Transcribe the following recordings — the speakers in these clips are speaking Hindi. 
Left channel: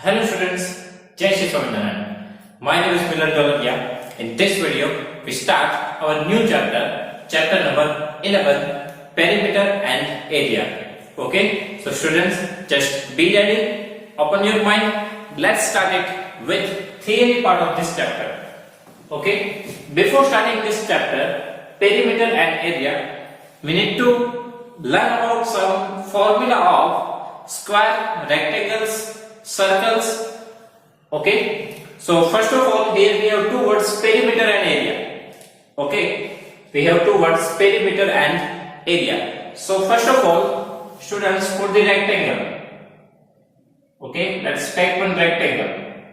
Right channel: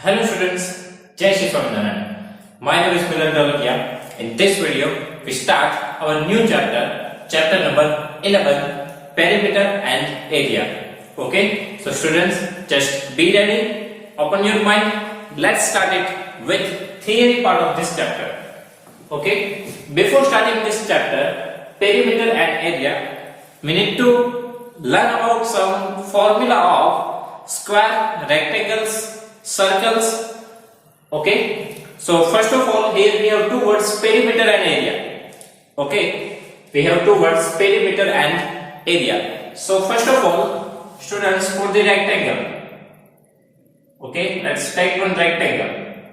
Hello students, Jai Shri Swaminarayan. My name is Milan Dolakia. In this video, we start our new chapter number 11, perimeter and area. Okay, so students, just be ready, open your mind, let's start it with theory part of this chapter. Okay, before starting this chapter, perimeter and area, we need to learn about some formula of square, rectangles, circles. Okay, so first of all, here we have two words, perimeter and area. Okay, we have two words, perimeter and area. So first of all, students, for the rectangle, okay, let's take one rectangle.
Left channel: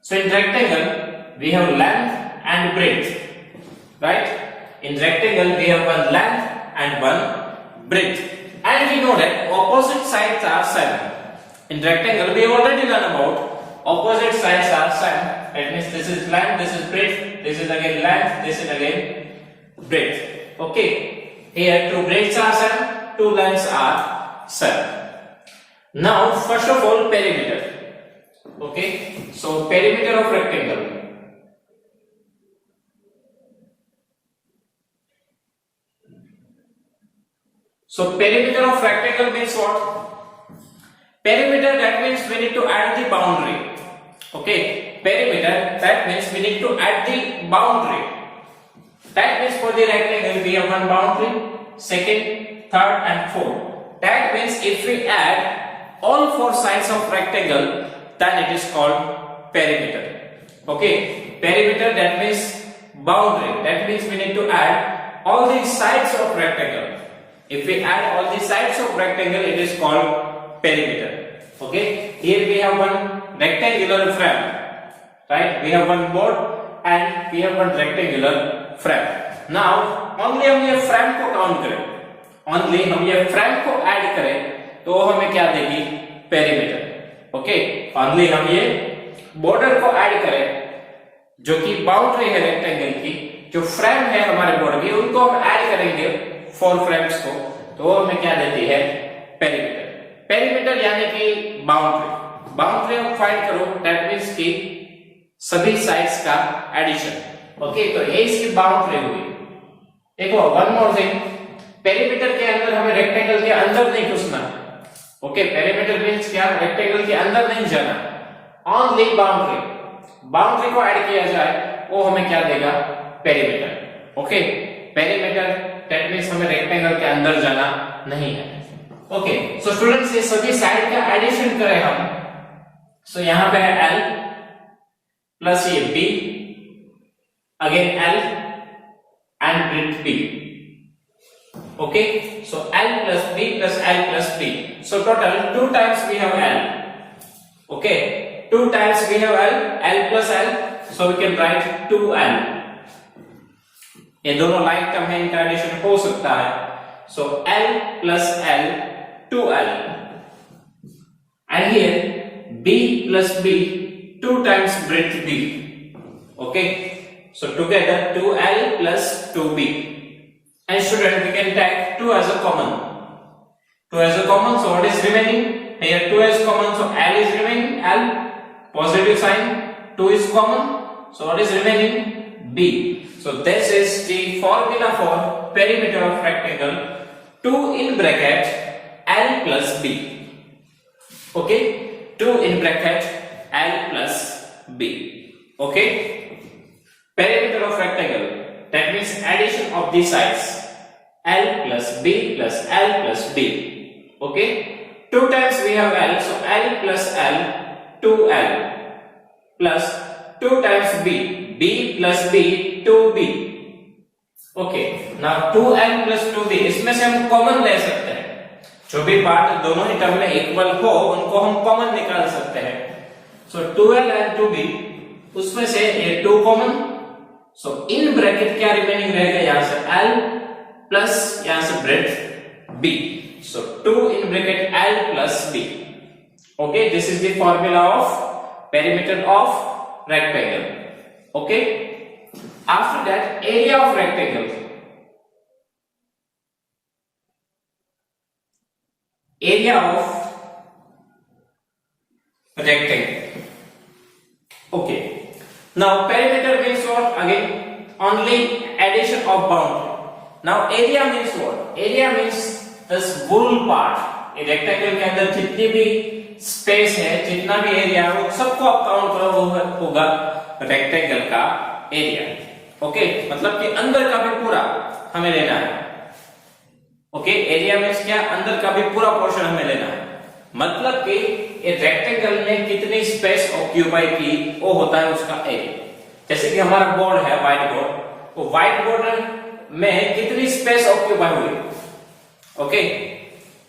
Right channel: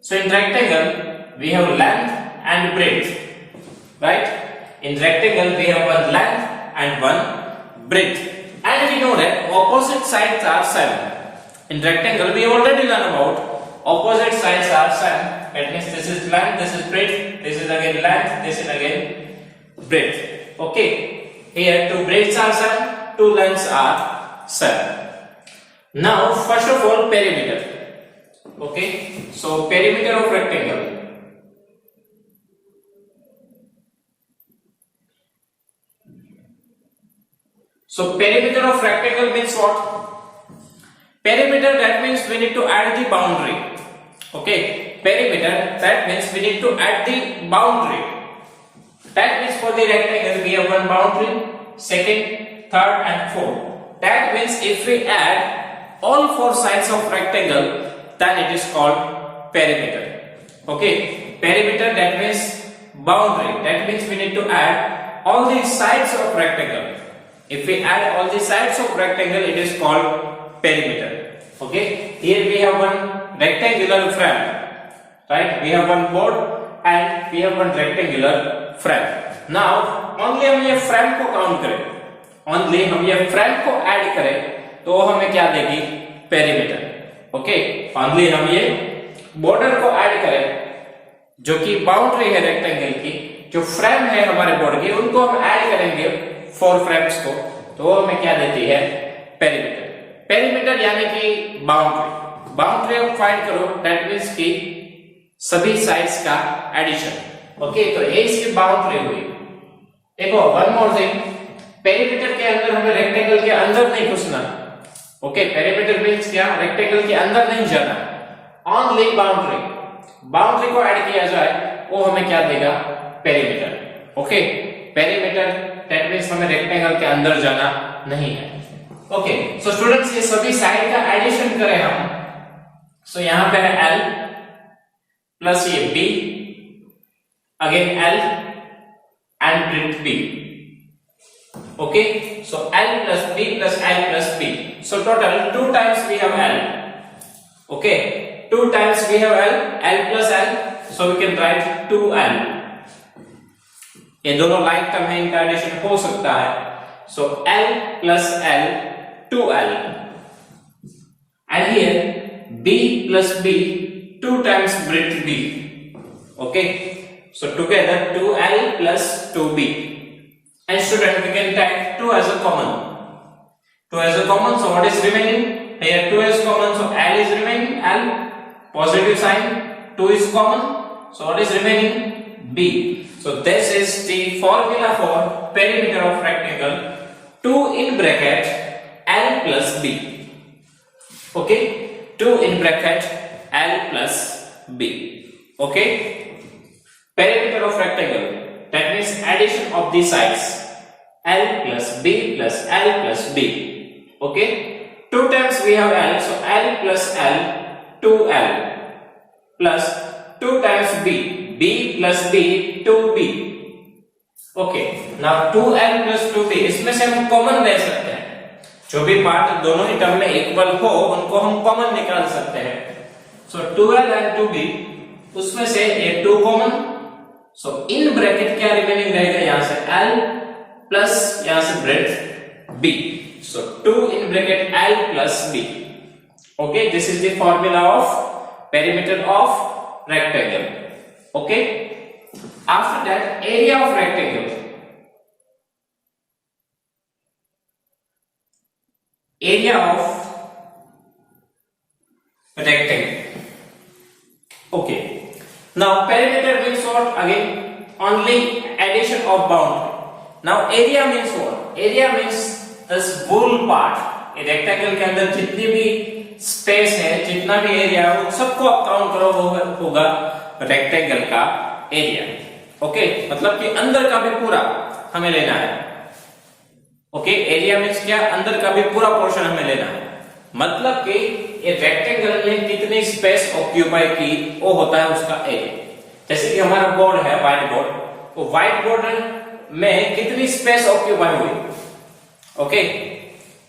So in rectangle we have length and breadth, right? In rectangle we have one length and one breadth, and we know that opposite sides are same. In rectangle, we already learned about opposite sides are same. That means this is length, this is breadth, this is again length, this is again breadth. Okay. Here two breadths are same, two lengths are same. Now, first of all, perimeter. Okay. So perimeter of rectangle. So perimeter of rectangle means what? Perimeter, that means we need to add the boundary. Okay, perimeter, that means we need to add the boundary. That means for the rectangle we have one boundary, second, third and fourth. That means if we add all four sides of rectangle, then it is called perimeter. Okay, perimeter, that means boundary. That means we need to add all the sides of rectangle. If we add all the sides of rectangle, it is called perimeter. Okay, here we have one rectangular frame, right? We have one board and we have one rectangular frame. Now only हम ये frame को count करें, only हम ये frame को add करें तो हमें क्या देगी? perimeter. Okay, only हम ये border को add करें जो कि boundary है rectangle की, जो frame है हमारे board की, उनको हम add करेंगे four frames को, तो हमें क्या देती है? perimeter. पेरीमीटर यानी कि बाउंड्री. बाउंड्री आप फाइंड करो, दैट मींस कि सभी साइड्स का एडिशन. ओके, तो ये इसकी बाउंड्री हुई. देखो, वन मोर थिंग, पेरीमीटर के अंदर हमें रेक्टेंगल के अंदर नहीं घुसना. ओके, पेरीमीटर मींस क्या? रेक्टेंगल के अंदर नहीं जाना, ओनली बाउंड्री. बाउंड्री को ऐड किया जाए वो हमें क्या देगा? Perimeter. Okay, perimeter that means हमें रेक्टेंगल के अंदर जाना नहीं है. ओके, सो स्टूडेंट्स, ये सभी साइड का एडिशन करें हम. सो यहां पे है L प्लस ये B, again L and breadth B. Okay, so L plus B plus L plus B. So total 2 times we have L. Okay, 2 times we have L, L plus L, so we can write 2L. ये दोनों लाइक टर्म में इनका एडिशन हो सकता है. So L plus L, 2L, and here B plus B, 2 times breadth B. Okay, so together 2L plus 2B. And student, we can take 2 as a common. 2 as a common, so what is remaining? Here 2 is common, so L is remaining. L, positive sign, 2 is common, so what is remaining? B. So this is the formula for perimeter of rectangle. 2 in bracket L plus B. Okay, 2 in bracket L plus B. Okay, perimeter of rectangle, that means addition of the sides L plus B plus L plus B. Okay, 2 times we have L, so L plus L, 2L plus 2 times B, B plus B, 2B. Okay, now 2L plus 2B, इसमें से हम कॉमन ले सकते हैं. जो भी पार्ट दोनों ही टर्म में इक्वल हो उनको हम कॉमन निकाल सकते हैं. सो 2L एंड 2B, उसमें से ये 2 कॉमन. सो इन ब्रैकेट क्या रिमेनिंग रहेगा? यहां से L प्लस यहां से breadth B. So 2 in bracket L plus B. Okay, this is the formula of perimeter of rectangle. Okay, after that, area of rectangle. Area of rectangle. Okay. Now perimeter means what? Again, only addition of boundary. Now area means what? Area means this whole part. ये रेक्टेंगल के अंदर जितनी भी स्पेस है, जितना भी एरिया है, वो सबको आप काउंट करो, वो होगा रेक्टेंगल का एरिया. ओके, मतलब कि अंदर का भी पूरा हमें लेना है. ओके, एरिया मीन्स क्या? अंदर का भी पूरा पोर्शन हमें लेना है. मतलब कि ये रेक्टेंगल ने कितनी स्पेस ऑक्यूपाई की, वो होता है उसका एरिया. जैसे कि हमारा बोर्ड है, व्हाइट बोर्ड, वो व्हाइट बोर्ड में कितनी स्पेस ऑक्यूपाई हुई. ओके,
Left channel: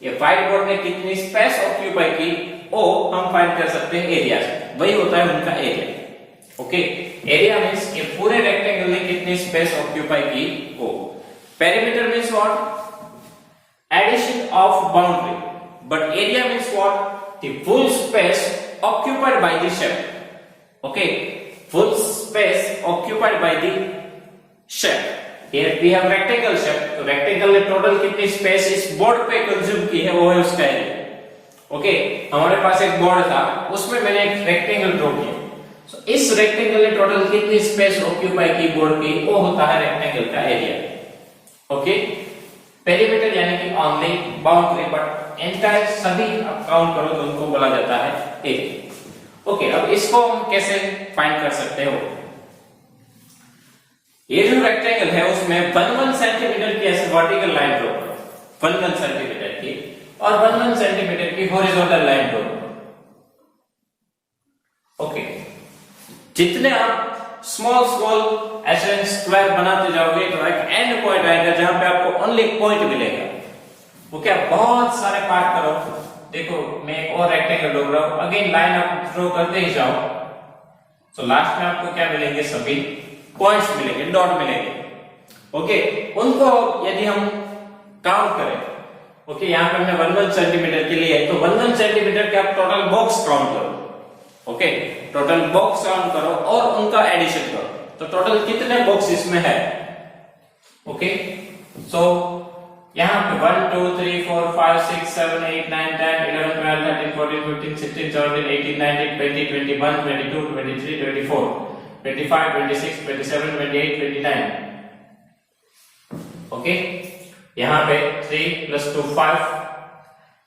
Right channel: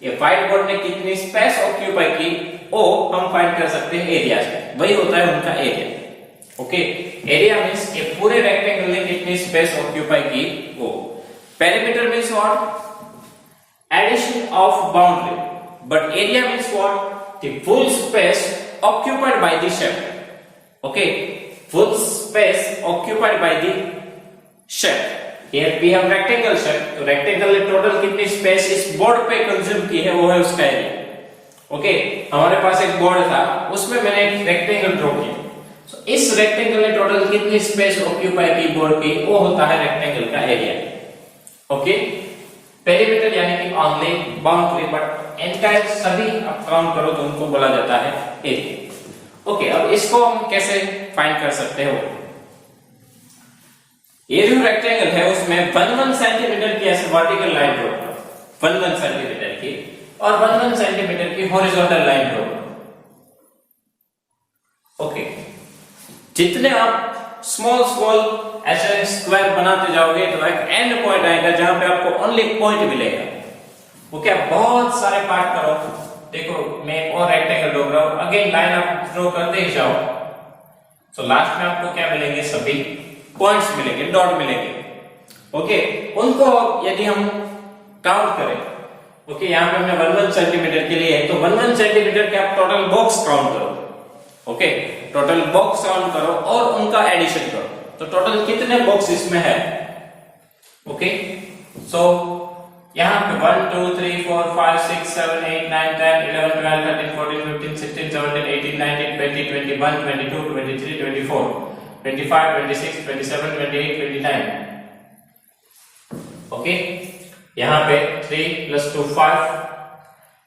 ये व्हाइट बोर्ड ने कितनी स्पेस ऑक्यूपाई की, वो हम फाइंड कर सकते हैं एरिया से. वही होता है उनका एरिया. ओके, एरिया मीन्स ये पूरे रेक्टेंगल ने कितनी स्पेस ऑक्यूपाई की वो. Perimeter means what? Addition of boundary. But area means what? The full space occupied by the shape. Okay, full space occupied by the shape. Here we have rectangle shape. तो rectangle ने total कितनी space इस board पे consume की है, वो है उसका area. Okay, हमारे पास एक board था, उसमें मैंने एक rectangle draw किया. So इस rectangle ने total कितनी space occupy की board की, वो होता है rectangle का area. Okay, perimeter यानी कि only boundary, but एंटायर सभी आप काउंट करो तो उनको बोला जाता है एरिया. ओके, अब इसको हम कैसे फाइंड कर सकते हो? ये जो रेक्टेंगल है उसमें 1 सेंटीमीटर की ऐसे वर्टिकल लाइन ड्रॉ करो, 1 सेंटीमीटर की, और 1 सेंटीमीटर की हॉरिजॉन्टल लाइन ड्रॉ करो. ओके, जितने आप स्मॉल ऐसे स्क्वायर बनाते जाओगे तो एक एंड पॉइंट आएगा जहां पे आपको ओनली एक पॉइंट मिलेगा. ओके, आप बहुत सारे पार्ट करो. देखो, मैं एक और रेक्टेंगल ड्रॉ कर रहा हूं, अगेन लाइन आप ड्रॉ करते ही जाओ, तो लास्ट में आपको क्या मिलेंगे? सभी पॉइंट्स मिलेंगे, डॉट मिलेंगे. ओके, उनको यदि हम काउंट करें, ओके, यहाँ पे हमने 1 सेंटीमीटर के लिए है, तो 1 सेंटीमीटर के आप टोटल बॉक्स काउंट करो. ओके, टोटल बॉक्स काउंट करो और उनका एडिशन करो, तो टोटल कितने बॉक्स इसमें है. ओके, सो यहाँ पे 1 2 3 4 5 6 7 8 9 10 11 12 13 14 15 16 17 18 19 20 21 22 23 24 25 26 27 28 29. ओके, यहाँ पे 3 + 2 5,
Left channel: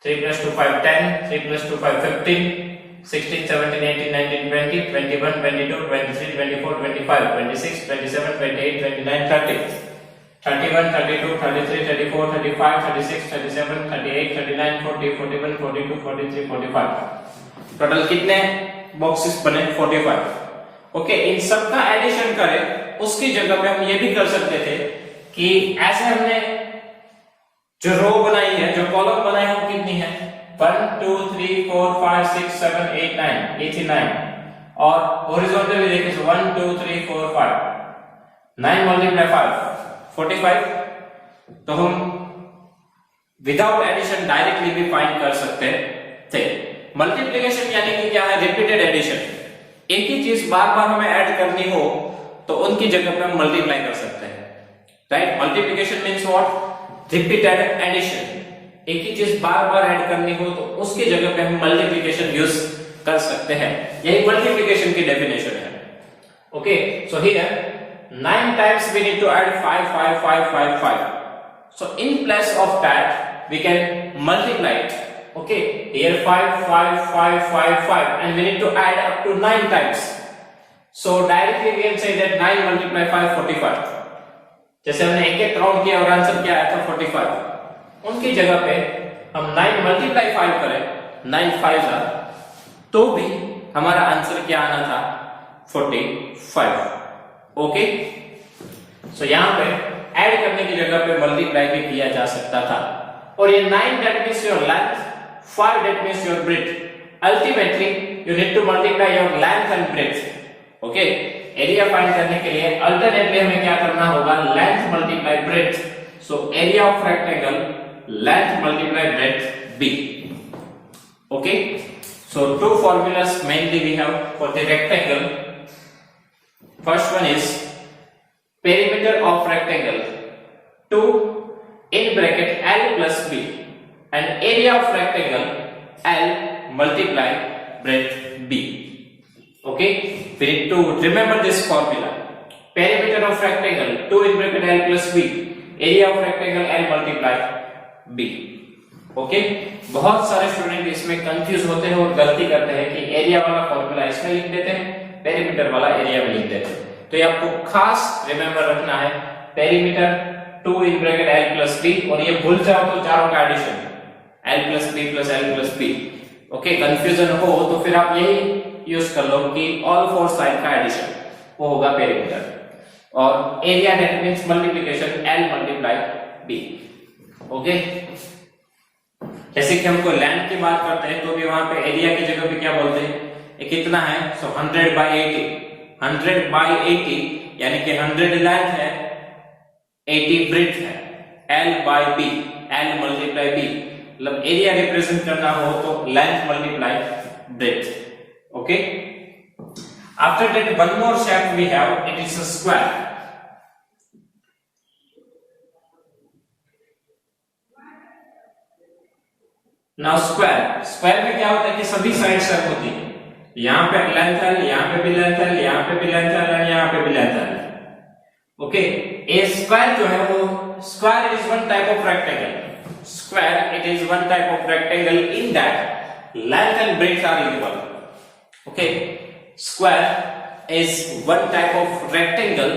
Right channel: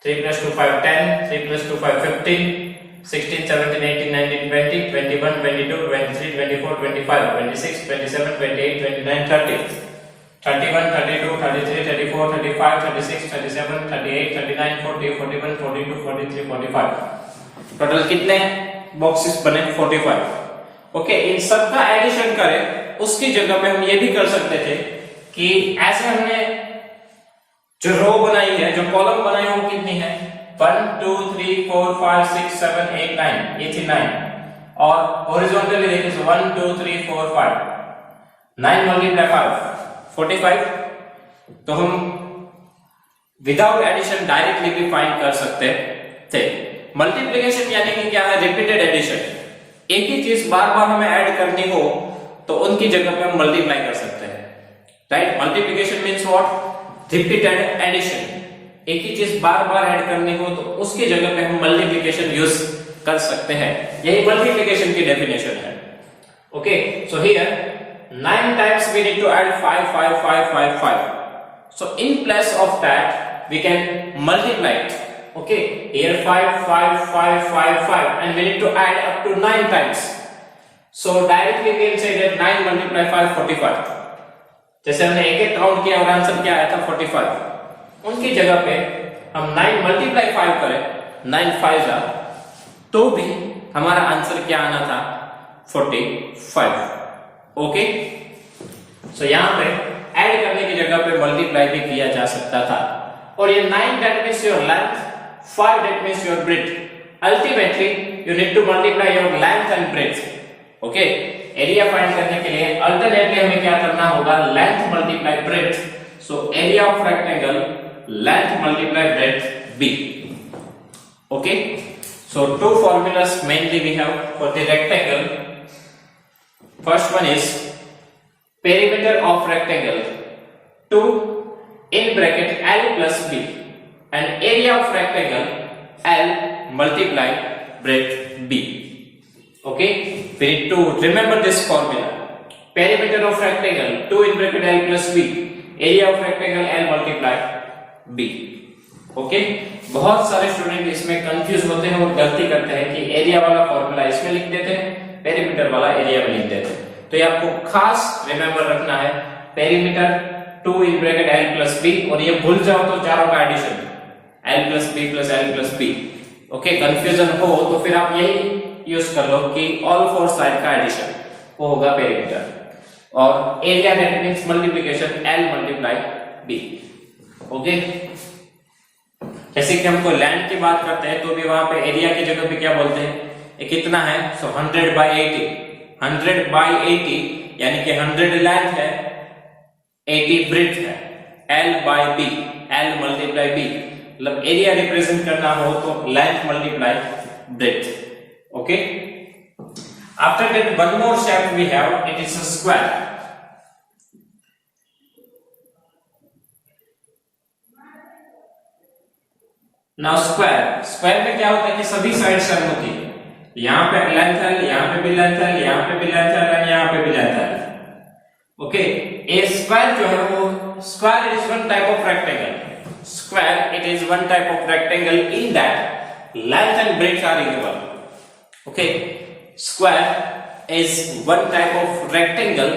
3 + 2 5 10, 3 + 2 5 15, 16 17 18 19 20 21 22 23 24 25 26 27 28 29 30. 31, 32, 33, 34, 35, 36, 37, 38, 39, 40, 41, 42, 43, 45. टोटल कितने बॉक्सेस बने? 45. ओके, इन सब का एडिशन करें, उसकी जगह में हम ये भी कर सकते थे कि ऐसे हमने जो रो बनाई है, जो कॉलम बनाए हैं, वो कितनी है? 1 2 3 4 5 6 7 8 9, ये थी 9. और हॉरिजॉन्टली देखो तो 1 2 3 4 5, 9 × 5 45. तो हम विदाउट एडिशन डायरेक्टली भी फाइंड कर सकते थे. मल्टीप्लिकेशन यानी कि क्या है? Repeated addition. एक ही चीज बार बार हमें ऐड करनी हो तो उनकी जगह पे हम मल्टीप्लाई कर सकते हैं. Right, multiplication means what? Repeated addition. एक ही चीज बार बार ऐड करनी हो तो उसकी जगह पे हम मल्टीप्लिकेशन यूज कर सकते हैं. यही मल्टीप्लिकेशन की डेफिनेशन है. Okay, so here 9 times we need to add 5 5 5 5 5. So in place of that we can multiply it. Okay, here 5 5 5 5 5 and we need to add up to 9 times. So directly we can say that 9 × 5 45. जैसे हमने एक एक काउंट किया और आंसर क्या आया था? 45. उनकी जगह पे हम 9 × 5 करें, 9 5 तो भी हमारा आंसर क्या आना था? 45. ओके, सो यहाँ पे ऐड करने की जगह पे मल्टीप्लाई भी किया जा सकता था. और ये 9 that means your length, 5 that means your breadth. Ultimately you need to multiply your length and breadth. Okay, area find करने के लिए अल्टरनेटली हमें क्या करना होगा? Length multiply breadth. So area of rectangle, length multiply breadth b. Okay, so two formulas mainly we have for the rectangle. First one is perimeter of rectangle 2 in bracket L plus B and area of rectangle L multiply breadth b. Okay, we need to remember this formula. Perimeter of rectangle 2 in bracket l plus b, area of rectangle l multiply b. Okay, बहुत सारे स्टूडेंट इसमें कंफ्यूज होते हैं और गलती करते हैं कि एरिया वाला फॉर्मूला इसमें लिख देते हैं, पेरीमीटर वाला एरिया में लिख देते हैं। तो ये आपको खास रिमेंबर रखना है, perimeter 2 in bracket l plus b, और ये भूल जाओ तो चारों का addition l plus b plus l plus b। Okay, confusion हो तो फिर आप यही यूज कर लो कि ऑल फोर साइड का एडिशन वो होगा पेरीमीटर, और area that means multiplication l multiply b। Okay, जैसे कि हमको लैंड की बात करते हैं तो भी वहां पे एरिया की जगह पे क्या बोलते हैं, ये कितना है, सो 100 बाय 80, 100 बाय 80 यानी कि 100 लेंथ है, 80 ब्रेड्थ है, l by b, l multiply b, मतलब एरिया रिप्रेजेंट करना हो तो length multiply breadth. Okay, after that one more step we have, it is a square. Now square में क्या होता है कि सभी साइड सेम होती है, यहां पे लेंथ है, यहां पे भी लेंथ है, यहां पे भी लेंथ है, यहां पे भी लेंथ है। ओके, ए स्क्वायर जो है वो square is one type of rectangle, square it is one type of rectangle in that length and breadth are equal. Okay, square is one type of rectangle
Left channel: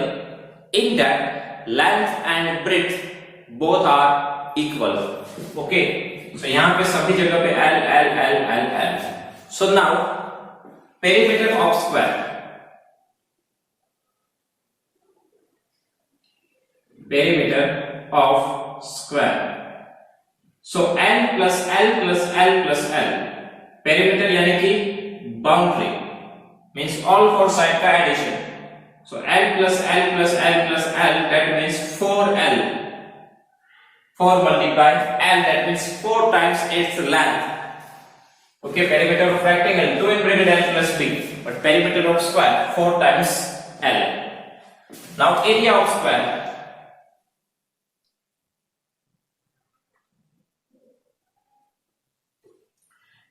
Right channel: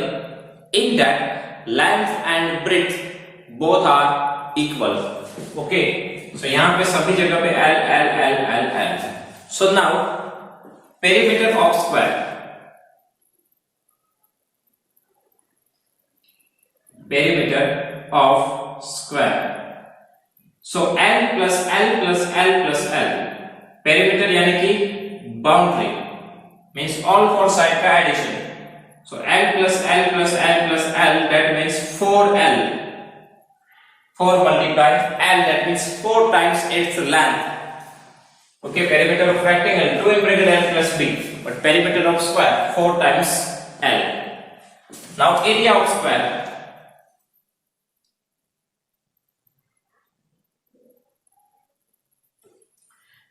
in that length and breadth both are equal. Okay, so यहाँ पे सभी जगह पे l l l l l। so now perimeter of square, perimeter of square, so l plus l plus l plus l, perimeter यानी कि boundary means all four side का addition, so l plus l plus l plus l, that means 4l, 4 multiplied l, that means 4 times its length. Okay, perimeter of rectangle 2 in bracket l plus b, but perimeter of square 4 times l. Now area of square,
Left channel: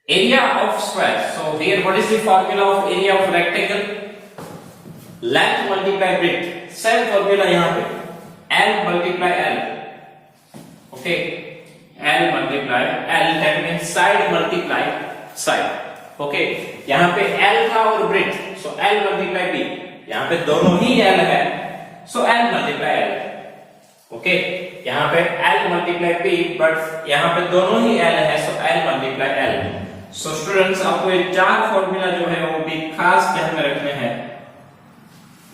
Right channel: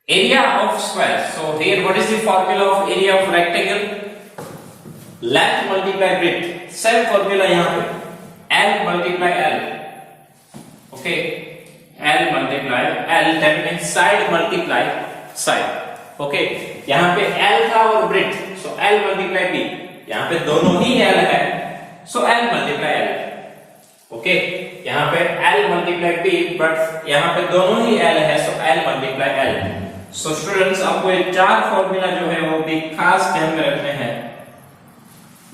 area of square, so here what is the formula of area of rectangle? Length multiply breadth, same formula यहाँ पे, l multiply l। Okay, l multiply l, that means side multiply side। Okay, यहाँ पे l था और breadth, so l multiply b, यहाँ पे दोनों ही l है, so l multiply l। Okay, यहाँ पे l multiply b, but यहाँ पे दोनों ही l है, so l multiply l। So students, आपको ये चार फॉर्मूला जो है वो भी खास ध्यान में रखने हैं,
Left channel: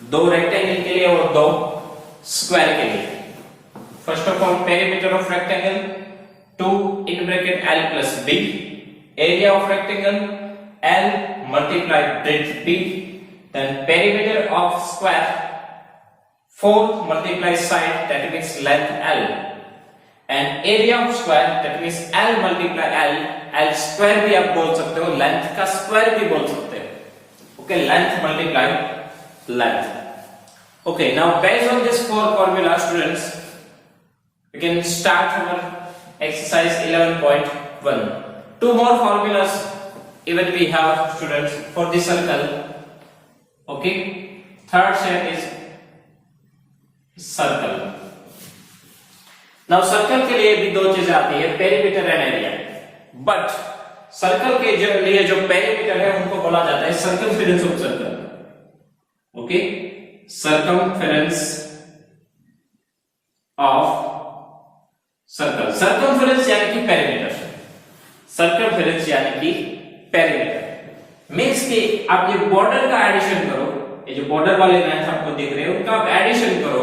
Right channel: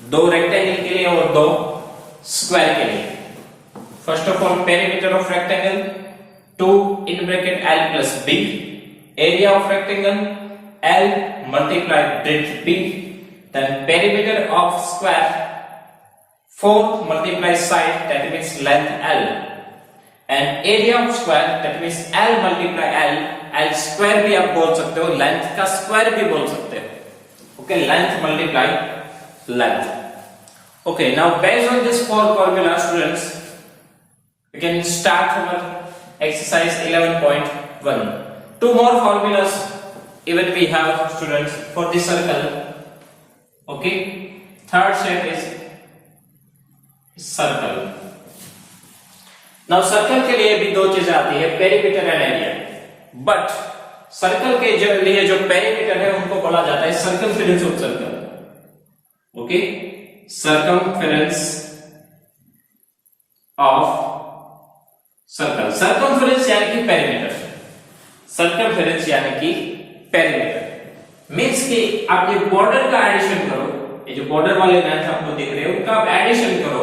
दो रेक्टेंगल के लिए और दो स्क्वायर के लिए। First of all, perimeter of rectangle 2 in bracket l plus b, area of rectangle l multiply breadth b, then perimeter of square 4 multiply side, that means length l, and area of square, that means l multiply l, l square भी आप बोल सकते हो, length का square भी बोल सकते हो। Okay, length multiply length। Okay, now based on this four formula, students, we can start our exercise 11.1. Two more formulas even we have, students, for the circle. Okay, third shape is circle. Now circle के लिए भी दो चीजें आती है, perimeter and area, but circle के लिए जो perimeter है उनको बोला जाता है circumference of circle। Okay, circumference of circle, circumference यानी कि पेरीमीटर, सर्कमफेरेंस यानी कि पेरीमीटर मींस कि आप ये बॉर्डर का एडिशन करो, ये जो बॉर्डर वाले लाइंस आपको दिख रहे हैं उनका आप एडिशन करो,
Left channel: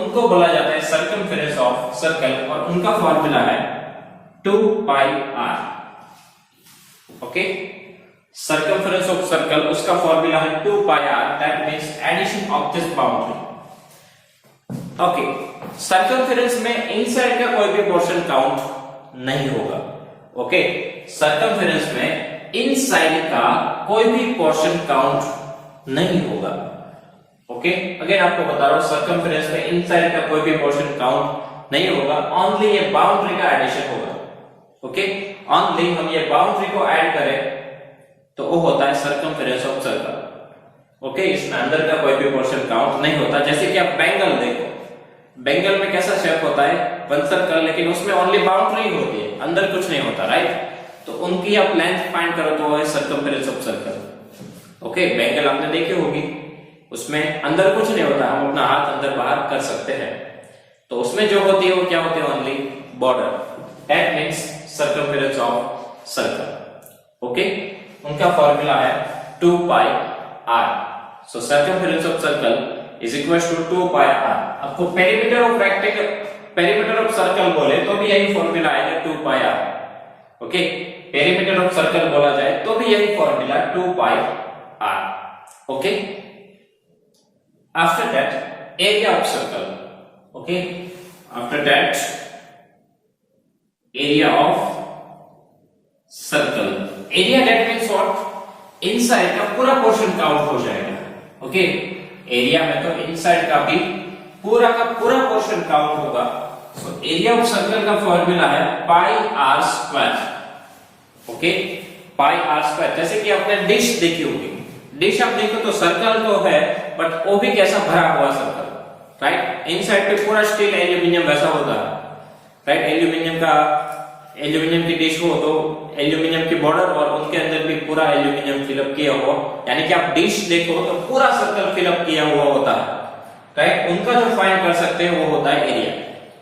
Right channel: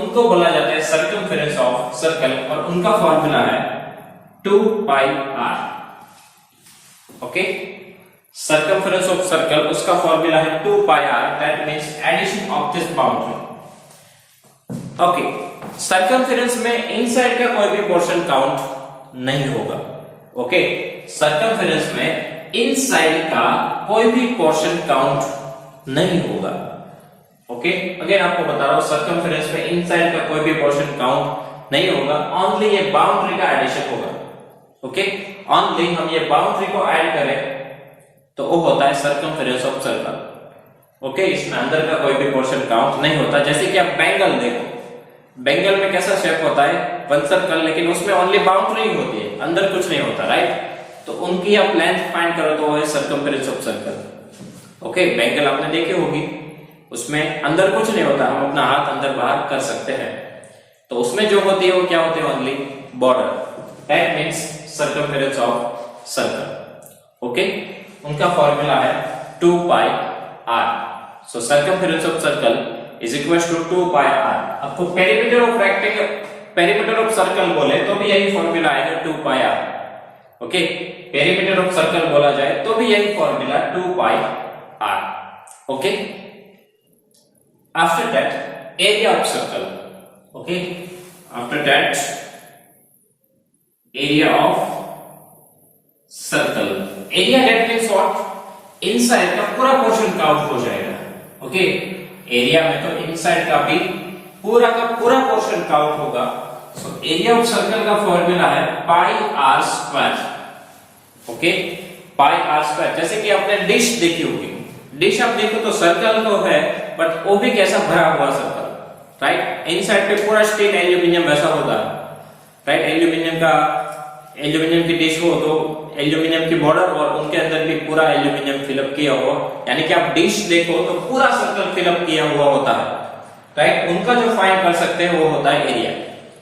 उनको बोला जाता है सर्कमफेरेंस ऑफ सर्कल, और उनका फॉर्मूला है 2 pi r। Okay, circumference of circle, उसका फॉर्मूला है 2 pi r, that means addition of this boundary. Okay, circumference में इनसाइड का कोई भी पोर्शन काउंट नहीं होगा। ओके, सर्कमफेरेंस में इनसाइड का कोई भी पोर्शन काउंट नहीं होगा। ओके, अगेन आपको बता रहा हूं, सर्कमफेरेंस में इनसाइड का कोई भी पोर्शन काउंट नहीं होगा, ओनली ये बाउंड्री का एडिशन होगा। ओके, ओनली हम ये बाउंड्री को ऐड करें तो वो होता है सर्कमफेरेंस ऑफ सर्कल। ओके, इसमें अंदर का कोई भी पोर्शन काउंट नहीं होता। जैसे कि आप बैंगल देखो, बैंगल में कैसा शेप होता है, वन सर्कल, लेकिन उसमें ओनली बाउंड्री होती है, अंदर कुछ नहीं होता, राइट। तो उनकी आप लेंथ फाइंड करो तो वो है circumference of circle. Okay, bangle आपने देखी होगी, उसमें अंदर कुछ नहीं होता, हम अपना हाथ अंदर बाहर कर सकते हैं। तो उसमें जो होती है वो क्या होती है, only border, that means circumference of circle. Okay, उनका फॉर्मूला है 2 pi r। So circumference of circle is equal to 2 pi r। अब तो perimeter of rectangle, perimeter of circle बोले तो भी यही फॉर्मूला आएगा 2 pi r। Okay, perimeter of circle बोला जाए तो भी यही formula 2 pi r। Okay, after that area of circle. Okay, after that area of circle, area that means what, inside का पूरा पोर्शन काउंट हो जाएगा। ओके, एरिया में तो इनसाइड का भी पूरा का पूरा पोर्शन काउंट होगा। सो एरिया ऑफ सर्कल का फॉर्मूला है पाई r स्क्वायर। ओके, पाई r स्क्वायर। जैसे कि आपने डिश देखी होगी, डिश आप देखो तो सर्कल तो है, बट वो भी कैसा भरा हुआ सर्कल, राइट। इनसाइड पे पूरा स्टील एल्यूमिनियम वैसा होता है, राइट। एल्यूमिनियम की डिश हो तो एल्यूमिनियम की बॉर्डर और उनके अंदर भी पूरा एल्यूमिनियम फिलअप किया हुआ, यानी कि आप डिश देखो तो पूरा सर्कल फिलअप किया हुआ होता है, राइट। उनका जो फाइंड कर सकते हैं वो होता है एरिया।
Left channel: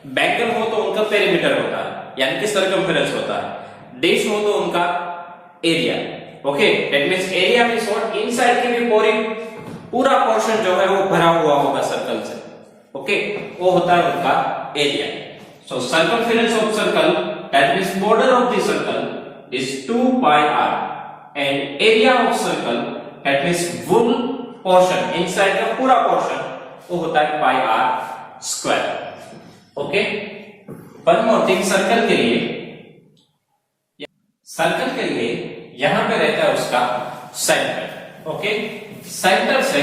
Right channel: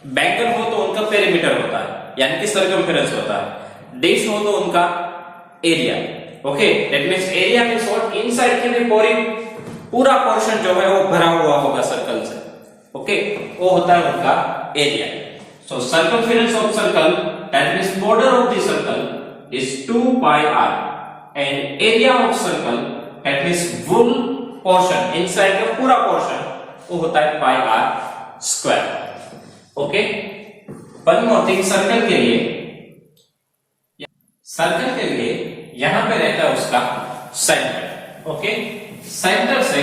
बैंगल हो तो उनका पेरीमीटर होता है, यानी कि सर्कमफेरेंस होता है। डिश हो तो उनका area. Okay, that means area means what, inside की भी पूरा पोर्शन जो है वो भरा हुआ होगा सर्कल से। ओके, वो होता है उनका area. So circumference of circle, that means border of the circle is 2 pi r, and area of circle, that means full portion, inside का पूरा पोर्शन, वो होता है पाई r square. Okay, one more thing, circle के लिए यहां पे रहता है उसका सेंटर। ओके, सेंटर से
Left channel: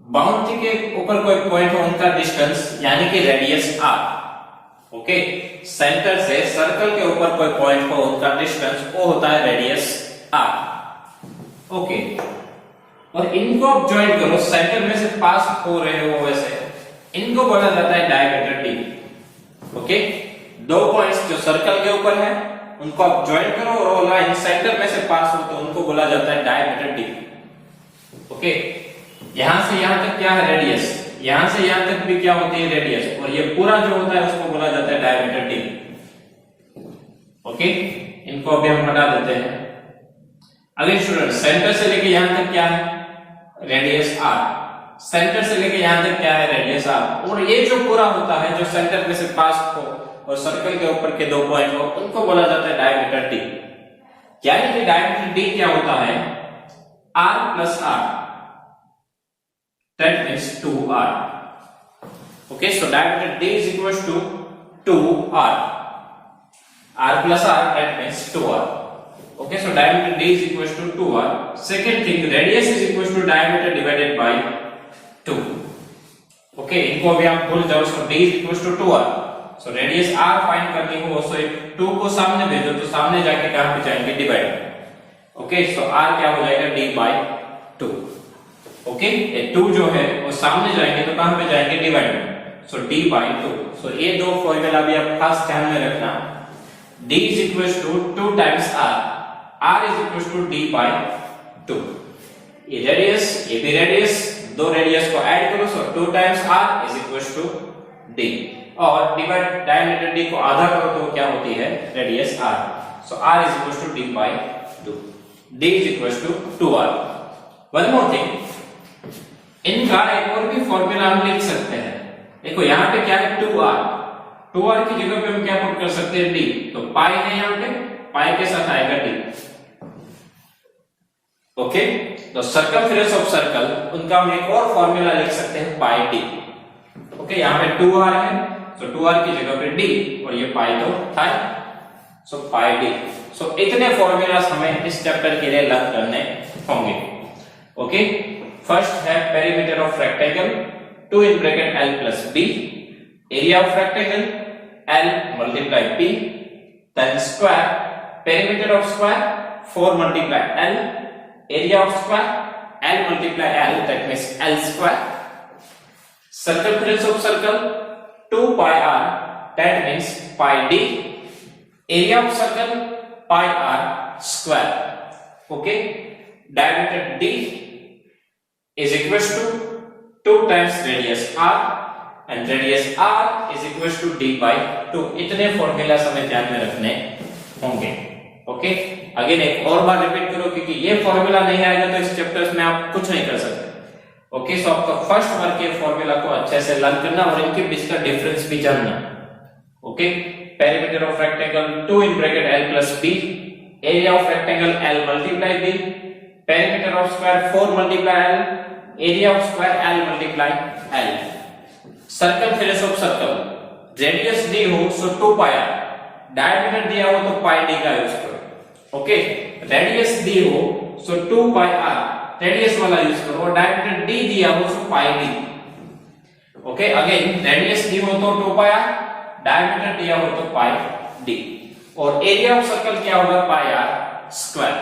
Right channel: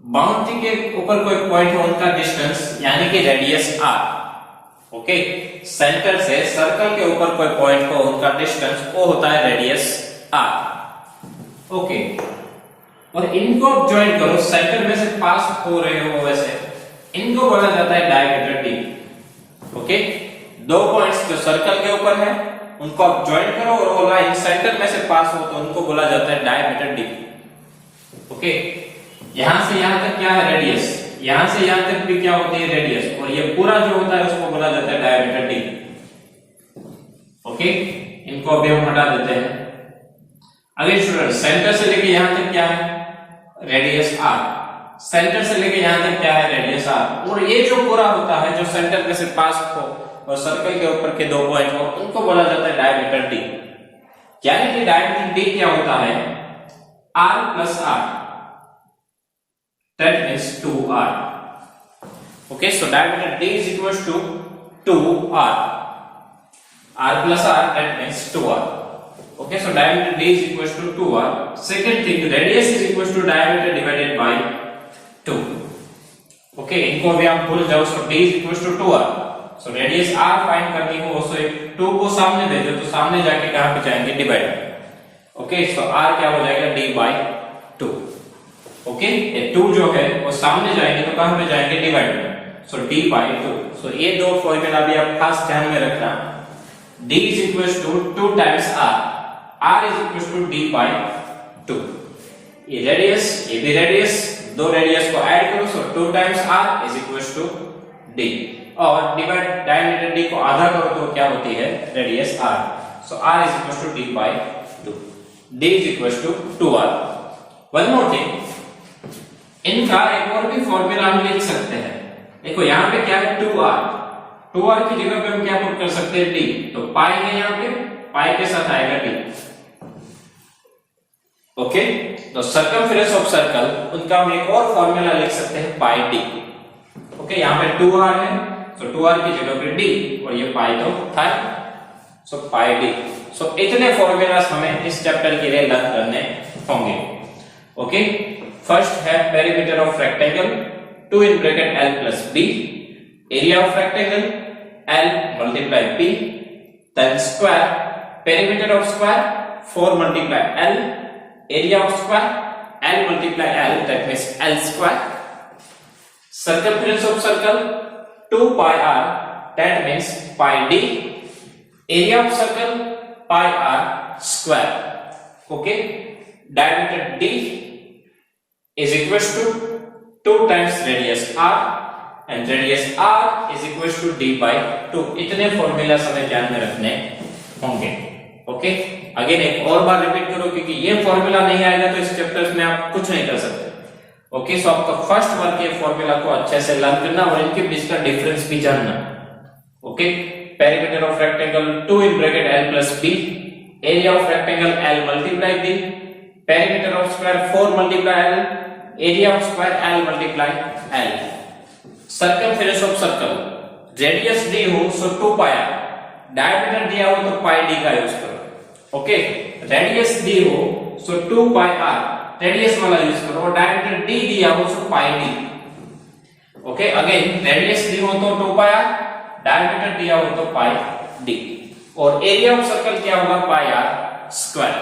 बाउंड्री के ऊपर कोई पॉइंट हो, उनका डिस्टेंस यानी कि रेडियस r। ओके, सेंटर से सर्कल के ऊपर कोई पॉइंट हो, उनका डिस्टेंस वो होता है रेडियस r। ओके, और इनको आप ज्वाइन करो, सेंटर में से पास हो रहे हो वैसे, इनको बोला जाता है डायमीटर d। ओके, दो पॉइंट्स जो सर्कल के ऊपर है उनको आप ज्वाइन करो और लाइन सेंटर में से पास हो तो उनको बोला जाता है डायमीटर d। ओके, यहां से यहां तक क्या है, रेडियस, यहां से यहां तक भी क्या होती है, रेडियस, और ये पूरा जो होता है उसको बोला जाता है डायमीटर d। ओके, इनको अभी हम हटा देते हैं। अगले स्टूडेंट, सेंटर से लेके यहां तक क्या है, रेडियस r, सेंटर से लेके यहां तक क्या है, रेडियस r, और ये जो पूरा होता है जो सेंटर में से पास हो और सर्कल के ऊपर के दो पॉइंट हो, उनको बोला जाता है डायमीटर d। यानी कि डायमीटर d क्या होता है, r plus r, that means 2r। okay, so diameter d is equals to 2r, r plus r, that means 2r। okay, so diameter d is equals to 2r। second thing, radius is equals to diameter divided by 2। okay, इनको अभी आप भूल जाओ, so d is equals to 2r। so radius r find करनी हो, so 2 को सामने भेजो तो सामने जाके कहां पे जाएंगे, डिवाइड। ओके, so r क्या हो जाएगा, d by 2। ओके, ये 2 जो है वो सामने जाएंगे तो कहां पे जाएंगे, डिवाइड में, सो d by 2। सो ये दो फॉर्मूला भी आप खास ध्यान में रखना, d is equals to 2 times r is equals to d by 2। ये रेडियस, ये भी रेडियस, दो रेडियस को ऐड करो, सो 2 times r is equals to d, और डिवाइड डायमीटर d को आधा करो तो क्या होती है, radius r। So r is equals to d by 2, d is equals to 2r। One more thing, इनका एक और भी फॉर्मूला हम लिख सकते हैं। देखो यहाँ पे क्या है, 2r की जगह पे हम क्या पुट कर सकते हैं, d। तो पाई है यहाँ पे, पाई के साथ आएगा d। ओके, तो सर्कमफेरेंस ऑफ सर्कल, उनका हम एक और फॉर्मूला लिख सकते हैं, पाई d। ओके, यहाँ पे 2r है, तो 2r की जगह पे d, और ये पाई तो था, सो पाई d। सो इतने फॉर्मूलास हमें इस चैप्टर के लिए लर्न करने होंगे। ओके, फर्स्ट है perimeter of rectangle, 2 in bracket l plus b, area of rectangle l multiply b, then square, perimeter of square 4 multiply L, area of square, L multiply L, that means L square. Circumference of circle 2 pi r, that means pi d. Area of circle pi r square. Okay, diameter d is equals to 2 times radius r, and radius r is equals to d by 2. इतने फॉर्मूला हमें ध्यान में रखने होंगे. ओके, अगेन एक और बार रिपीट करो, क्योंकि ये फॉर्मूला नहीं आएगा तो इस चैप्टर्स में आप कुछ नहीं कर सकते. ओके, सो आपका फर्स्ट वर्क ये फॉर्मूला को अच्छे से लर्न करना और इनके बीच का डिफरेंस भी जानना. Okay, perimeter of rectangle 2 in bracket L plus B, area of rectangle L multiply B, perimeter of square 4 multiply L, area of square L multiply L. Circumference of circle, radius d हो so 2 pi r, diameter दिया हो तो pi d का यूज करो. ओके, radius d हो so 2 pi r, radius वाला यूज करो, और diameter d दिया हो so pi d. Okay, again radius d हो तो 2 pi r, diameter दिया हो तो pi d, और area of circle क्या होगा pi r square.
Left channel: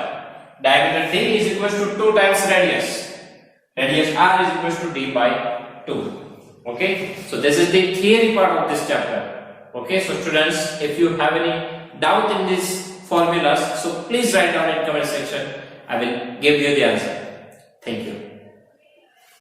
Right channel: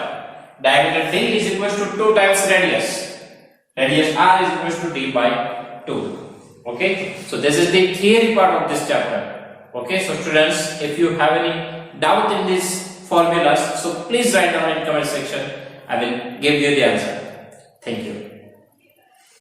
Diameter d is equals to 2 times radius. Radius r is equals to d by 2. Okay, so this is the theory part of this chapter. Okay, so students, if you have any doubt in these formulas, so please write down in comment section. I will give you the answer. Thank you.